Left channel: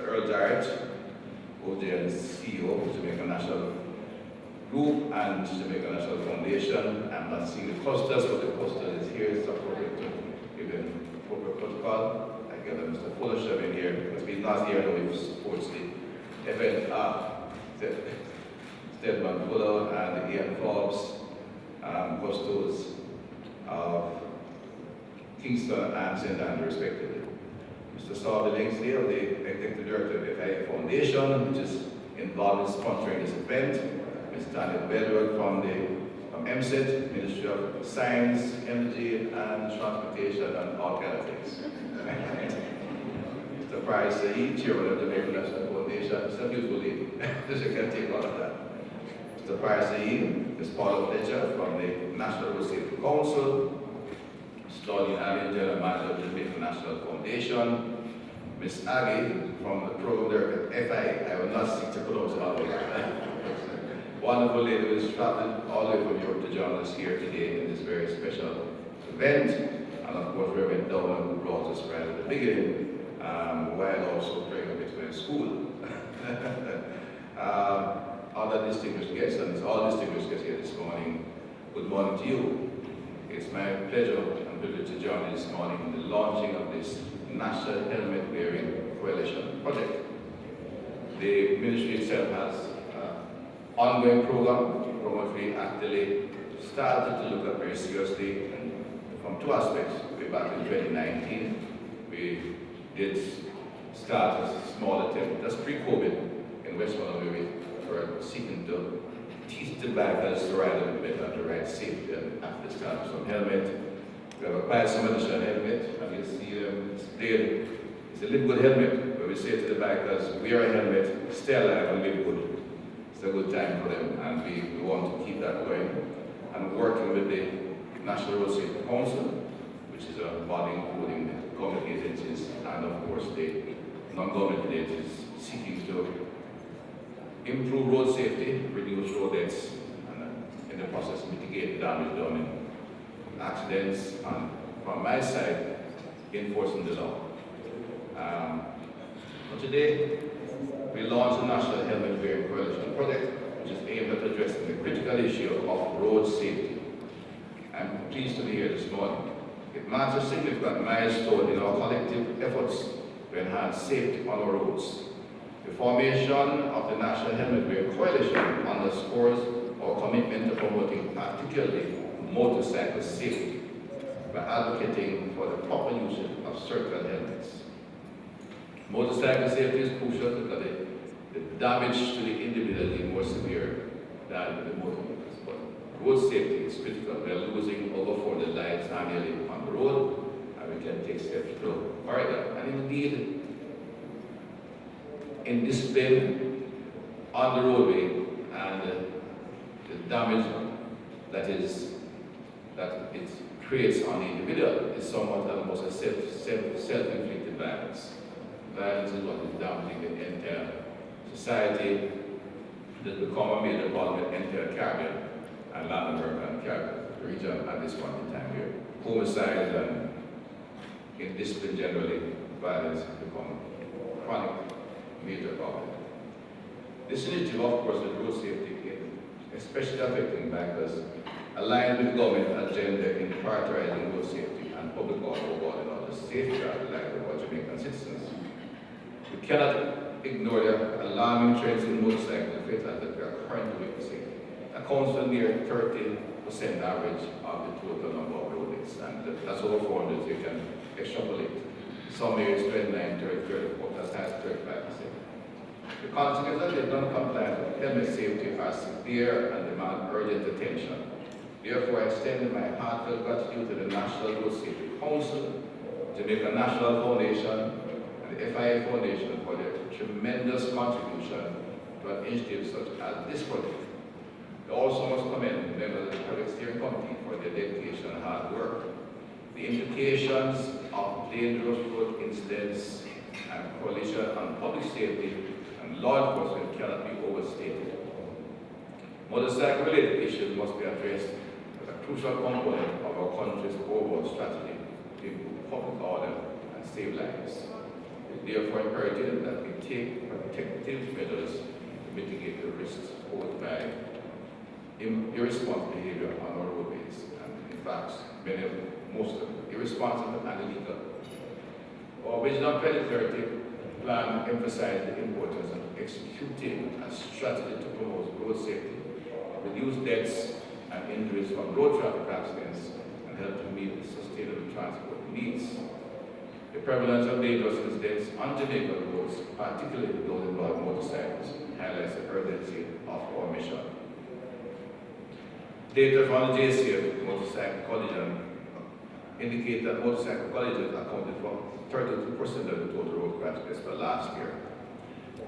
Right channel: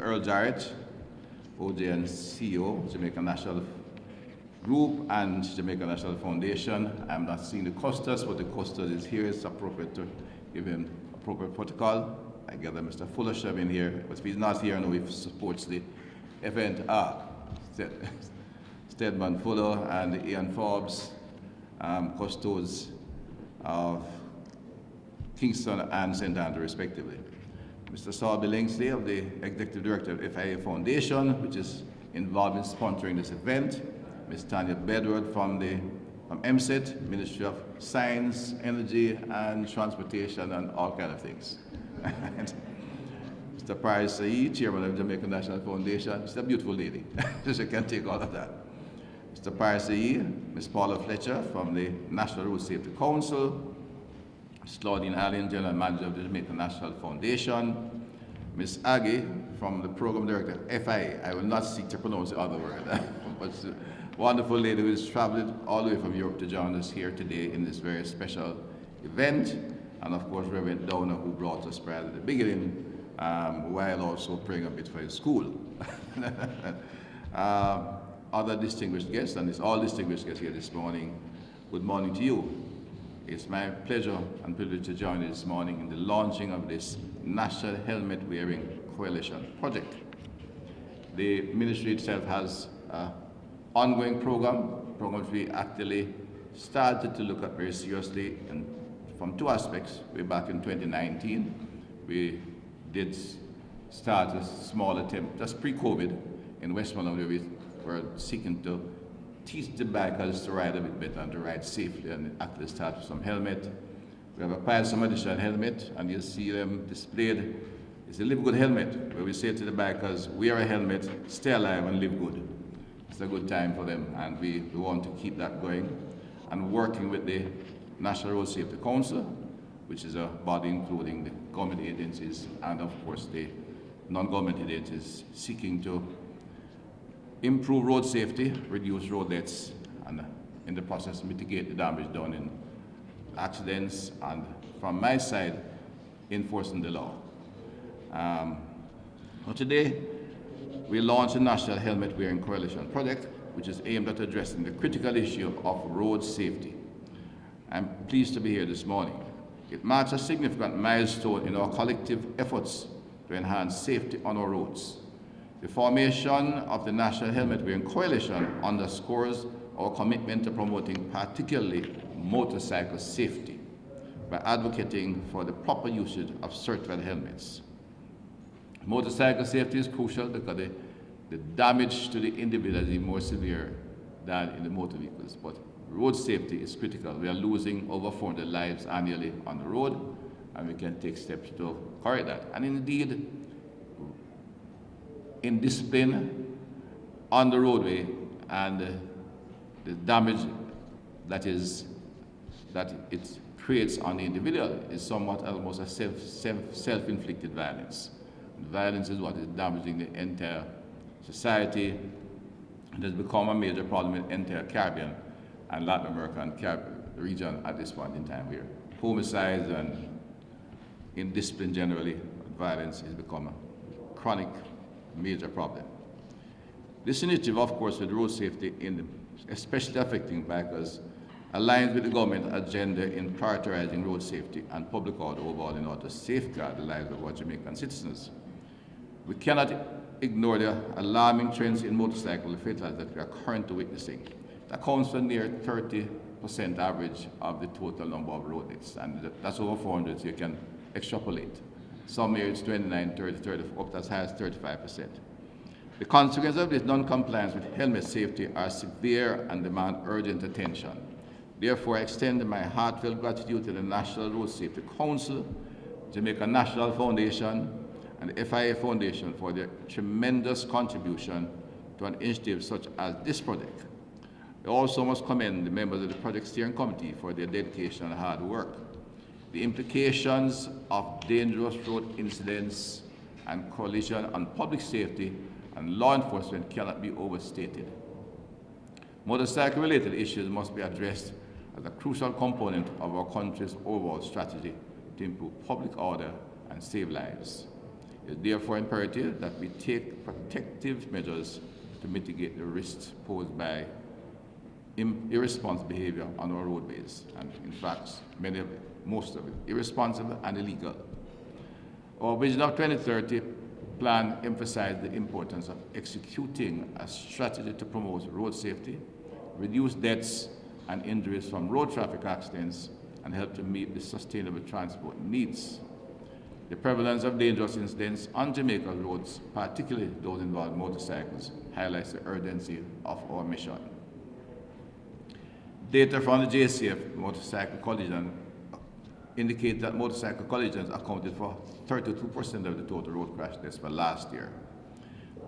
Mr. Earl Jarrett, OJ and CEO, Jamaica National Group and Jamaica National Foundation. I'm not seeing the Custos, but the Custos is here. It's appropriate to give him appropriate protocol. I gather Mr. Fuller should be here, because he's not here now, he supports the event. Stedman Fuller and Ian Forbes, Custos of Kingston and St. Andrew, respectively. Mr. Saul Billingsley, of the Executive Director of the FIA Foundation, which is involved in sponsoring this event. Ms. Tanya Bedward from MSET, Ministry of Science, Energy and Transportation, and all kinds of things. Mr. Paris Saeed, Chairman of the Jamaica National Foundation. She's a beautiful lady. She can take all of that. Mr. Paris Saeed, Ms. Paula Fletcher from the National Road Safety Council. Ms. Claudine Allen, General Manager of the Jamaica National Foundation. Ms. Aggie from the Program Director FIA. I will not seek to pronounce the other word. But wonderful lady who has traveled all the way from Europe to join us here today in this very special event. And of course, Reverend Downer, who brought us right at the beginning, while also praying a bit for the school. Other distinguished guests, and it's all distinguished guests here this morning, good morning to you. It's my pleasure and privilege to join you this morning in the launching of this National Helmet Wearing Coalition project. The ministry itself has an ongoing program which we actually started to look at very seriously, and from two aspects. Way back in 2019, we did start a small attempt, that's pre-COVID, in Westmoreland, where we were seeking to teach the bikers to ride a bit better, to ride safely, and actually start with some helmet. We have applied some additional helmet, and you'll see them displayed. It's a live good helmet, where we say to the bikers, wear a helmet, stay alive and live good. It's a good time for them, and we want to keep that going. And working with the National Road Safety Council, which is a body including the government agencies and of course the non-government agencies, seeking to improve road safety, reduce road deaths, and in the process mitigate the damage done in accidents, and from my side, enforcing the law. But today, we launched the National Helmet Wearing Coalition project, which is aimed at addressing the critical issue of road safety. I'm pleased to be here this morning. It marks a significant milestone in our collective efforts to enhance safety on our roads. The formation of the National Helmet Wearing Coalition underscores our commitment to promoting particularly motorcycle safety by advocating for the proper usage of circular helmets. Motorcycle safety is crucial because the damage to the individual is more severe than in the motor vehicles. But road safety is critical. We are losing over 40 lives annually on the road, and we can take steps to correct that. And indeed, in discipline on the roadway and the damage that it creates on the individual is somewhat almost a self-inflicted violence. Violence is what is damaging the entire society. It has become a major problem in the entire Caribbean and Latin America and Caribbean region at this point in time here. Homicides and indiscipline generally, violence has become a chronic major problem. This initiative, of course, with road safety, especially affecting bikers, aligns with the government agenda in prioritizing road safety and public order overall in order to safeguard the lives of our Jamaican citizens. We cannot ignore the alarming trends in motorcycle fatalities that we are currently witnessing. Accounts for near 30% average of the total number of road deaths, and that's over 400, so you can extrapolate. Some areas 29, 30, 34, that's high as 35%. The consequences of this non-compliance with helmet safety are severe and demand urgent attention. Therefore, I extend my heartfelt gratitude to the National Road Safety Council, Jamaica National Foundation, and the FIA Foundation for their tremendous contribution to an initiative such as this project. I also must commend the members of the Project Steering Committee for their dedication and hard work. The implications of dangerous road incidents and collision on public safety and law enforcement cannot be overstated. Motorcycle-related issues must be addressed as a crucial component of our country's overall strategy to improve public order and save lives. It is therefore imperative that we take protective measures to mitigate the risks posed by irresponsible behavior on our roadways, and in fact, most of it, irresponsible and illegal. Our Vision of 2030 plan emphasized the importance of executing a strategy to promote road safety, reduce deaths and injuries from road traffic accidents, and help to meet the sustainable transport needs. The prevalence of dangerous incidents on Jamaican roads, particularly those involving motorcycles, highlights the urgency of our mission. Data from the JCF motorcycle collision indicate that motorcycle collisions accounted for 32% of the total road crash deaths for last year.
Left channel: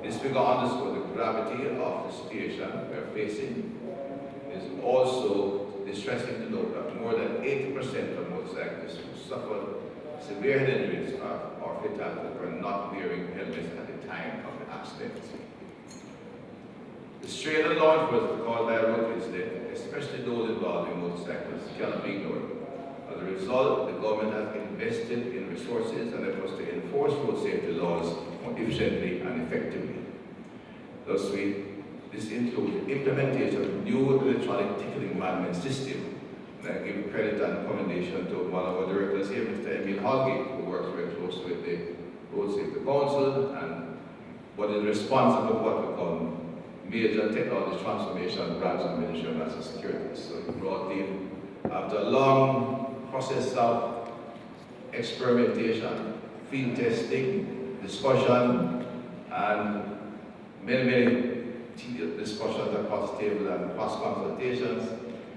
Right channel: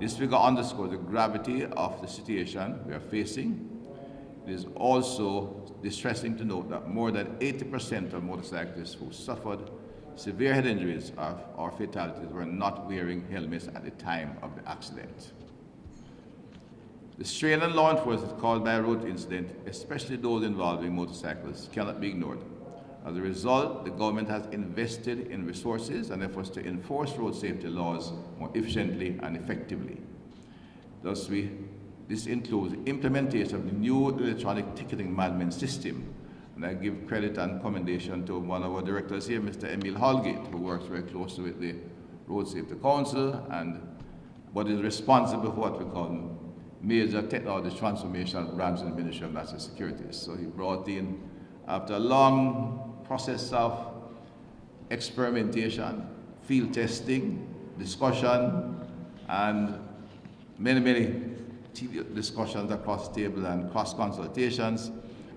This figure underscores the gravity of the situation we are facing. It is also distressing to note that more than 80% of motorcyclists who suffered severe head injuries or fatalities were not wearing helmets at the time of the accident. The strain on law enforcement caused by a road incident, especially those involving motorcyclists, cannot be ignored. As a result, the government has invested in resources and efforts to enforce road safety laws more efficiently and effectively. Thus, this includes implementation of a new electronic ticketing management system. And I give credit and commendation to one of our directors here, Mr. Emil Holgate, who works very closely with the Road Safety Council and what is responsible for what we call major technology transformation branch of the Ministry of National Security. So he brought in, after a long process of experimentation, field testing, discussion, and many discussions across the table and cross consultations,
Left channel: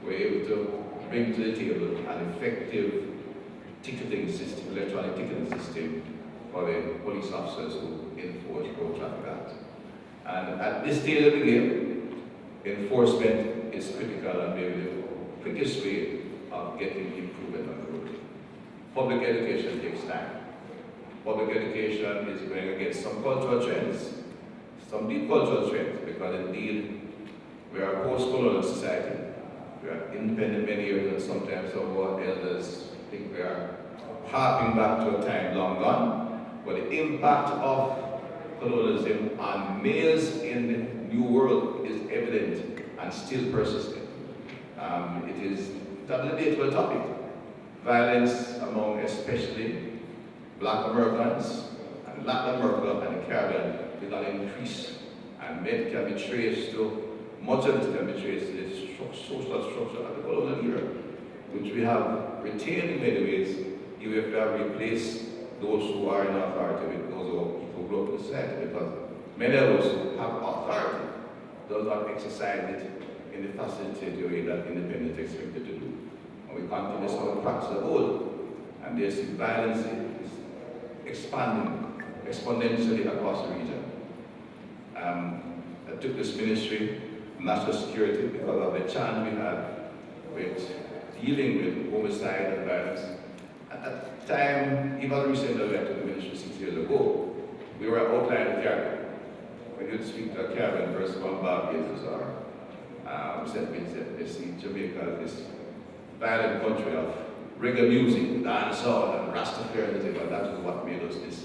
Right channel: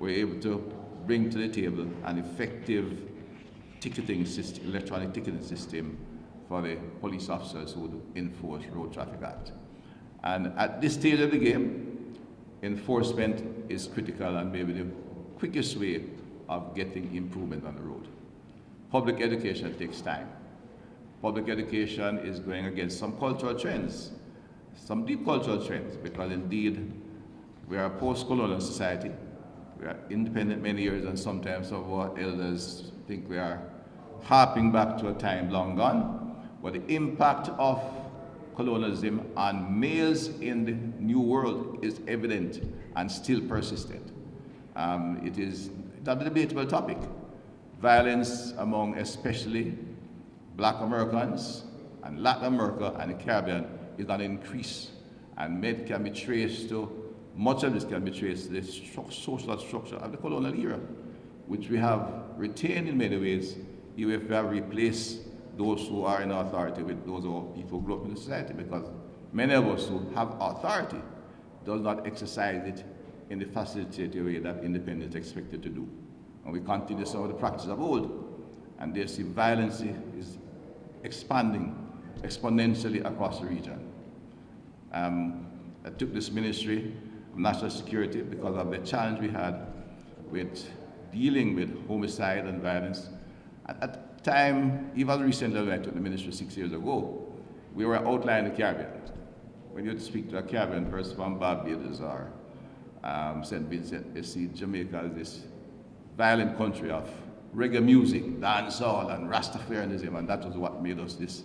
we're able to bring to the table an effective ticketing system, electronic ticketing system for the police officers who enforce Road Traffic Act. And at this stage of the game, enforcement is critical and maybe the quickest way of getting improvement on the road. Public education takes time. Public education is going against some cultural trends, some deep cultural trends, because indeed we are a post-colonial society. We are independent many years, and sometimes our elders think we are harping back to a time long gone. But the impact of colonialism on males in the New World is evident and still persistent. It is not a debatable topic. Violence among especially Black Americans and Latin America and the Caribbean is going to increase, and many can be traced to, much of this can be traced to the social structure of the colonial era, which we have retained in many ways, even if we have replaced those who are in authority with those people who grew up in the society, because many of us who have authority do not exercise it in the facilitated way that independence is expected to do. And we continue some of the practice of old. And this violence is expanding exponentially across the region. I took this ministry, national security, because of the challenge we had with dealing with homicide and violence. At the time, even recently I took the ministry 6 years ago, we were outlining the Caribbean. When you speak to a Caribbean person from Barbados or St. Vincent, they see Jamaica as this violent country of reggae music, dancehall, and Rastafarianism, and that is what made us this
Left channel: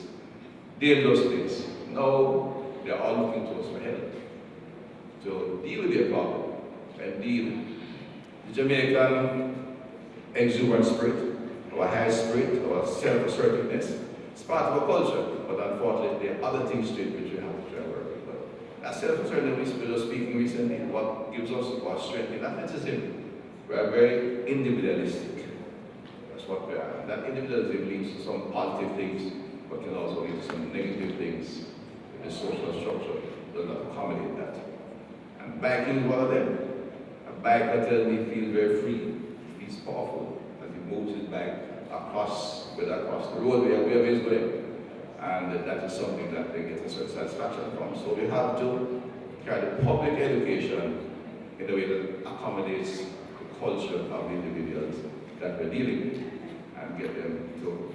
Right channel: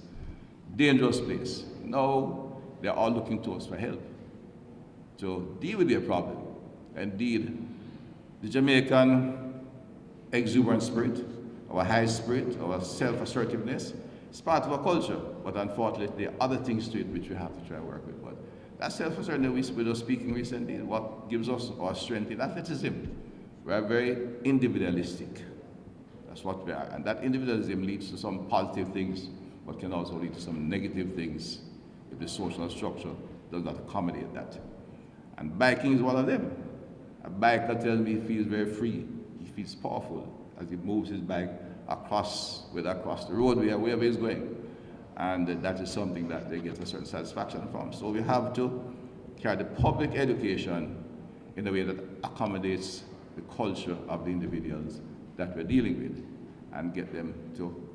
dangerous place. Now they're all looking to us for help to deal with their problem. Indeed, the Jamaican exuberant spirit, or high spirit, or self-assertiveness, is part of our culture, but unfortunately there are other things to it which we have to try and work with. But that self-assertiveness we were speaking recently, what gives us our strength in athleticism. We are very individualistic. That's what we are. And that individualism leads to some positive things, but can also lead to some negative things if the social structure does not accommodate that. And biking is one of them. A biker tells me he feels very free, he feels powerful as he moves his bike across the roadway or wherever he's going. And that is something that they get a certain satisfaction from. So we have to carry public education in a way that accommodates the culture of the individuals that we're dealing with, and get them to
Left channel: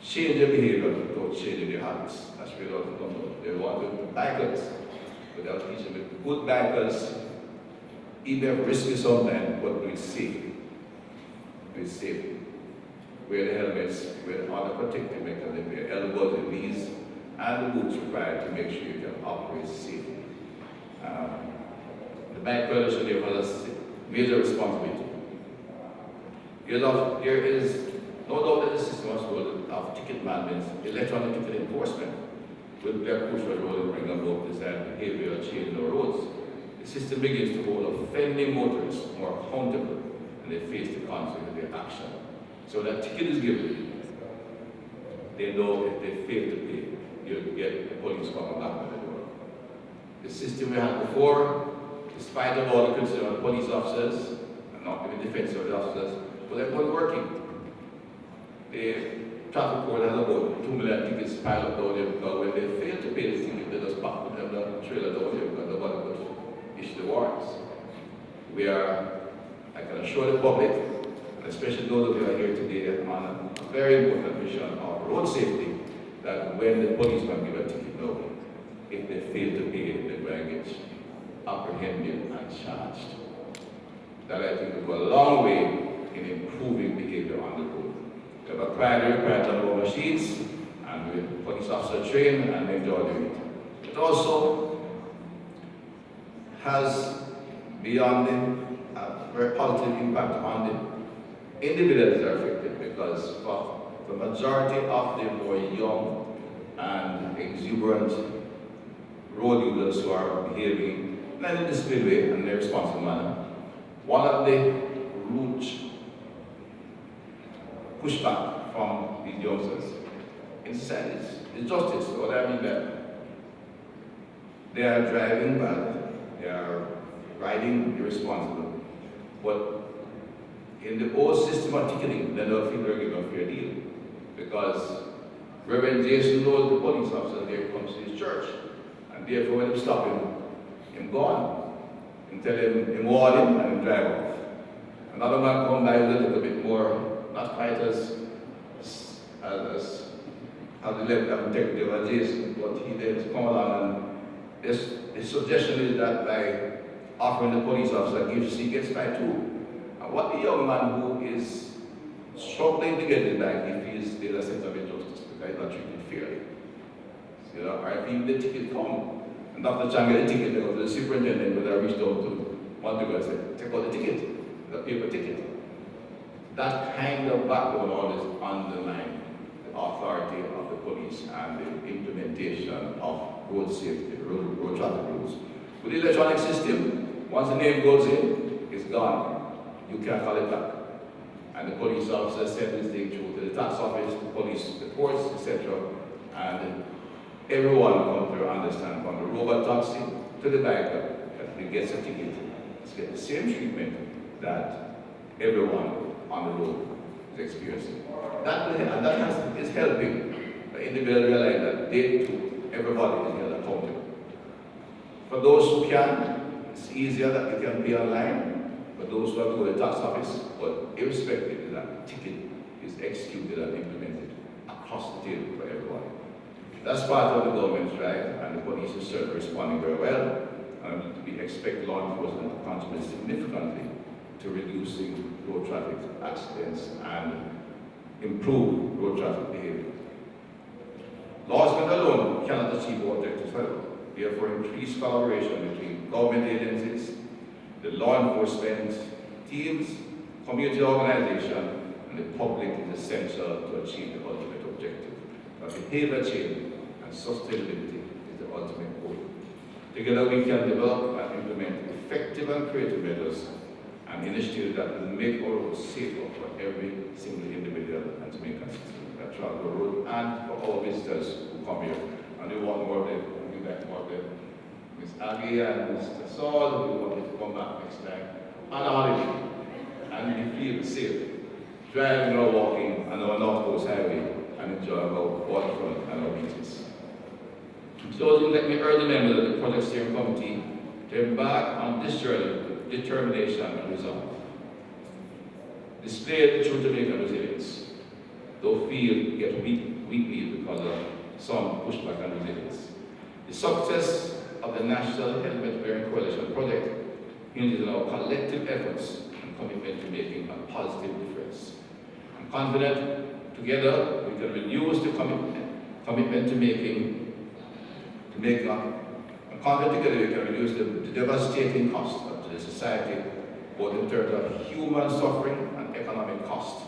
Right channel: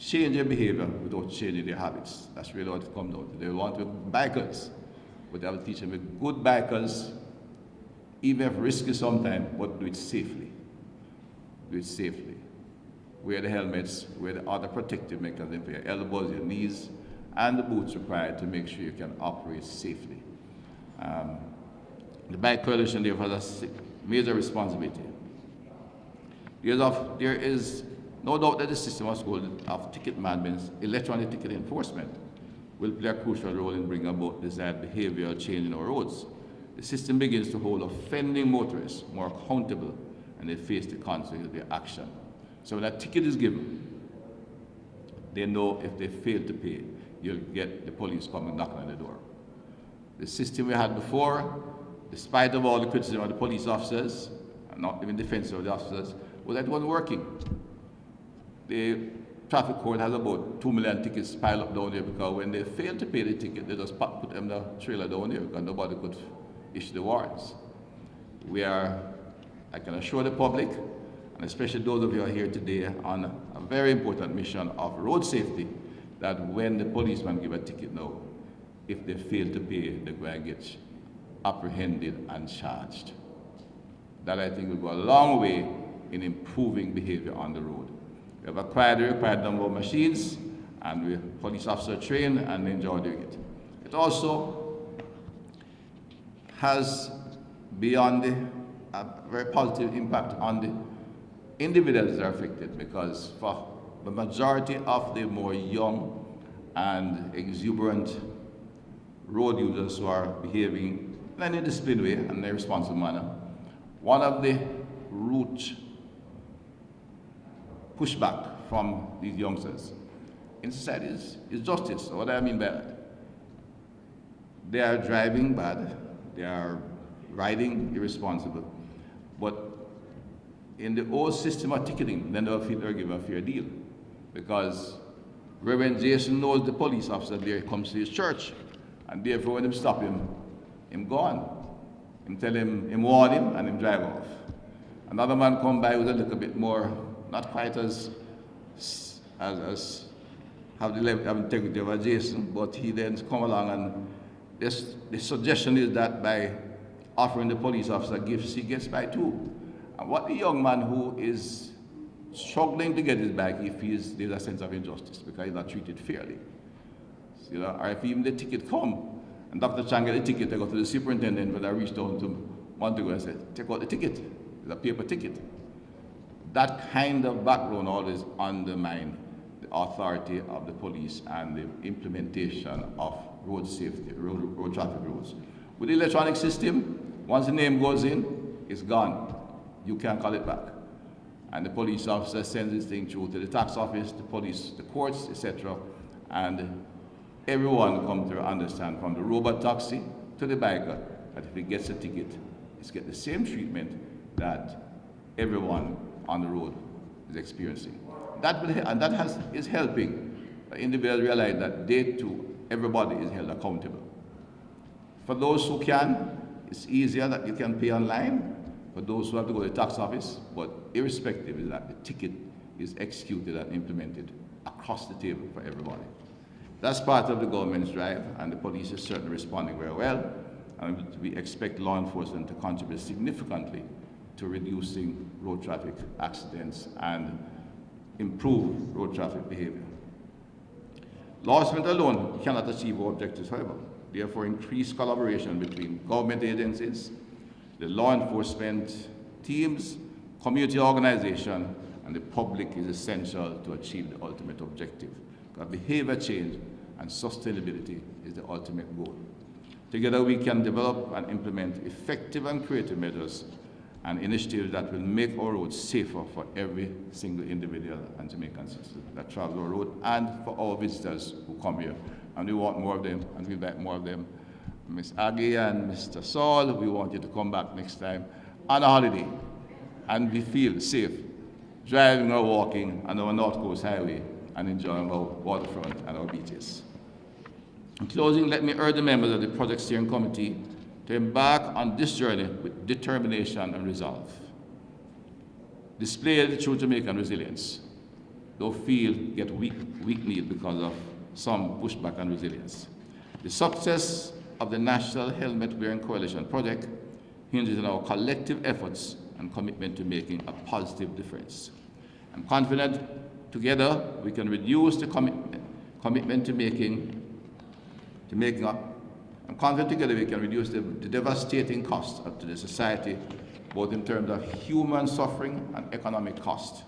change their behavior without changing their habits. That's really what it comes down to. They want to be bikers, but they'll teach them with good bikers, even if risky sometimes, but do it safely. Do it safely. Wear the helmets, wear the other protective mechanisms, your elbows, your knees, and the boots required to make sure you can operate safely. The Bike Coalition therefore has a major responsibility. There is no doubt that the system as well of ticket management, electronic ticket enforcement, will play a crucial role in bringing about desired behavioral change in our roads. The system begins to hold offending motorists more accountable and they face the consequences of their action. So when a ticket is given, they know if they fail to pay, you'll get the police coming back on the door. The system we had before, despite of all the criticism of the police officers, and not even defense of the officers, was like one working. The traffic court has about 2 million tickets piled up down there because when they fail to pay the ticket, they just put them in the trailer down there because nobody could issue the warrants. I can assure the public, and especially those of you who are here today, on a very important mission of road safety, that when the policeman give a ticket now, if they fail to pay, they're going to get apprehended and charged. That I think will go a long way in improving behavior on the road. We have acquired the required number of machines, and the police officers train and enjoy doing it. It also has beyond a very positive impact on the individuals that are affected, because for the majority of the more young and exuberant road users who are behaving in an indisciplined way and in a responsible manner, one of the root pushback from these youngsters in society is justice. What I mean by that, they are driving bad, they are riding irresponsible, but in the old system of ticketing, they don't feel they're given a fair deal, because Reverend Jason knows the police officer there comes to his church, and therefore when him stop him gone. Him tell him warn him and him drive off. Another man come by with a little bit more, not quite as have the level of integrity of Jason, but he then come along and the suggestion is that by offering the police officer gifts, he gets by too. And what the young man who is struggling to get it back if there's a sense of injustice because he's not treated fairly. You know, or if even the ticket come, and Dr. Chang get a ticket, they go to the superintendent when I reached out to one day and said, take out the ticket, the paper ticket. That kind of background always undermines the authority of the police and the implementation of road safety, road traffic rules. With the electronic system, once the name goes in, it's gone. You can't call it back. And the police officer sends this thing through to the tax office, the police, the courts, etc. And everyone comes to understand, from the robot taxi to the biker, that if he gets a ticket, he's get the same treatment that everyone on the road is experiencing. Is helping individuals realize that they too, everybody is held accountable. For those who can, it's easier that they can be online. For those who have to go to the tax office, but irrespective of that, the ticket is executed and implemented across the table for everybody. That's part of the government's drive, and the police is certainly responding very well. And we expect law enforcement to contribute significantly to reducing road traffic accidents and improve road traffic behavior. Law enforcement alone cannot achieve our objectives, however. Therefore, increased collaboration between government agencies, the law enforcement teams, community organization, and the public is essential to achieve the ultimate objective. Behavior change and sustainability is the ultimate goal. Together we can develop and implement effective and creative measures and initiatives that will make our roads safer for every single individual and Jamaicans that travel our road, and for our visitors who come here. And we want more of them, and we like more of them. Ms. Aggie and Mr. Saul, we want you to come back next time on a holiday and we feel safe driving or walking on our North Coast Highway and enjoy our waterfront and our beaches. In closing, let me urge the members of the Project Steering Committee to embark on this journey with determination and resolve. Display the true Jamaican resilience, though feel get weakly because of some pushback and resilience. The success of the National Helmet Wearing Coalition project hinges on our collective efforts and commitment to making a positive difference. I'm confident together we can reduce the commitment to making make up. And convert together, we can reduce the devastating cost to the society, both in terms of human suffering and economic cost.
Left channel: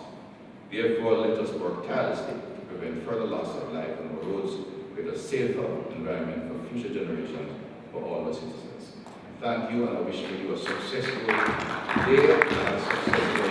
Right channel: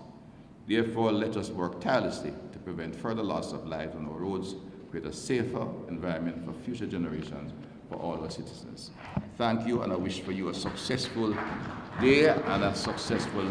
Therefore, let us work tirelessly to prevent further loss of life on our roads, with a safer environment for future generations for all our citizens. Thank you, and I wish for you a successful day and a successful